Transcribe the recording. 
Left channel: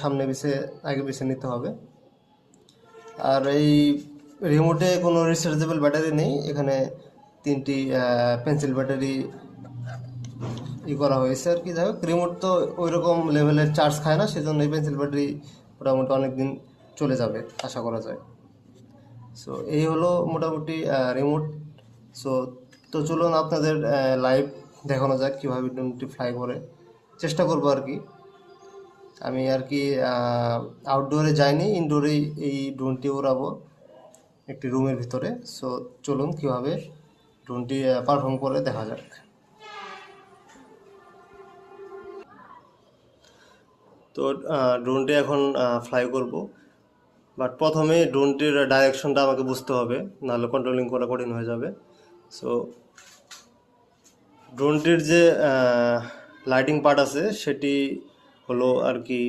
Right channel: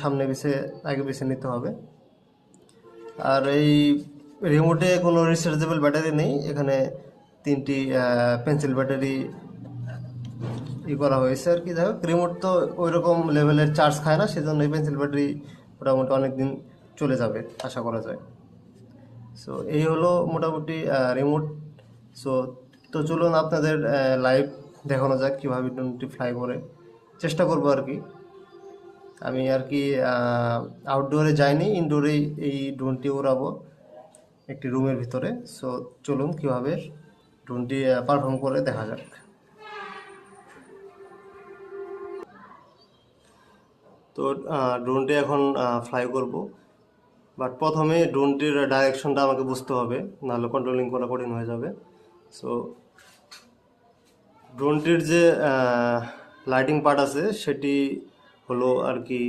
সামনে আগে পিছে নিতে হবে। আর এই রিমোটে কোনো রিচার্জেবল ব্যাটারি নেই, এখানে 3টি পেন্সিল ব্যাটারি করা হয়েছে আর কি। যাই হোক, রিমোট তো ওই রকম লেভেলের চার্জ খায় না, সেজন্য এই পেন্সিল ব্যাটারি মোটামুটি অনেকদিন চলে যাবে আশা করা যায়। সো এই হলো মোটামুটি রিমোট। সো তো চলুন আপনাদের লাইভ দেখানো যাক কীভাবে ড্রোনটি ফ্লাই করে। চেষ্টা করবো আর কি। আমি আর কি আউটডোরে যাইনি, ইনডোরেই এই ড্রোনটি উড়াবো একটি রুমের ভিতরে। সো চলুন কীভাবে ড্রোনটি পারফর্ম করে দেখা যাক। তো ড্রোনটি এখন ফ্লাই করব, বাট প্রথমে ড্রোনটির ডাইরেকশনটা আমাকে বুঝতে হবে, নাহলে কন্ট্রোলিং করা কঠিন হয়ে যাবে। সো ড্রোনটির যে লাইটিং পার্ট আছে সেটি হলো আর কি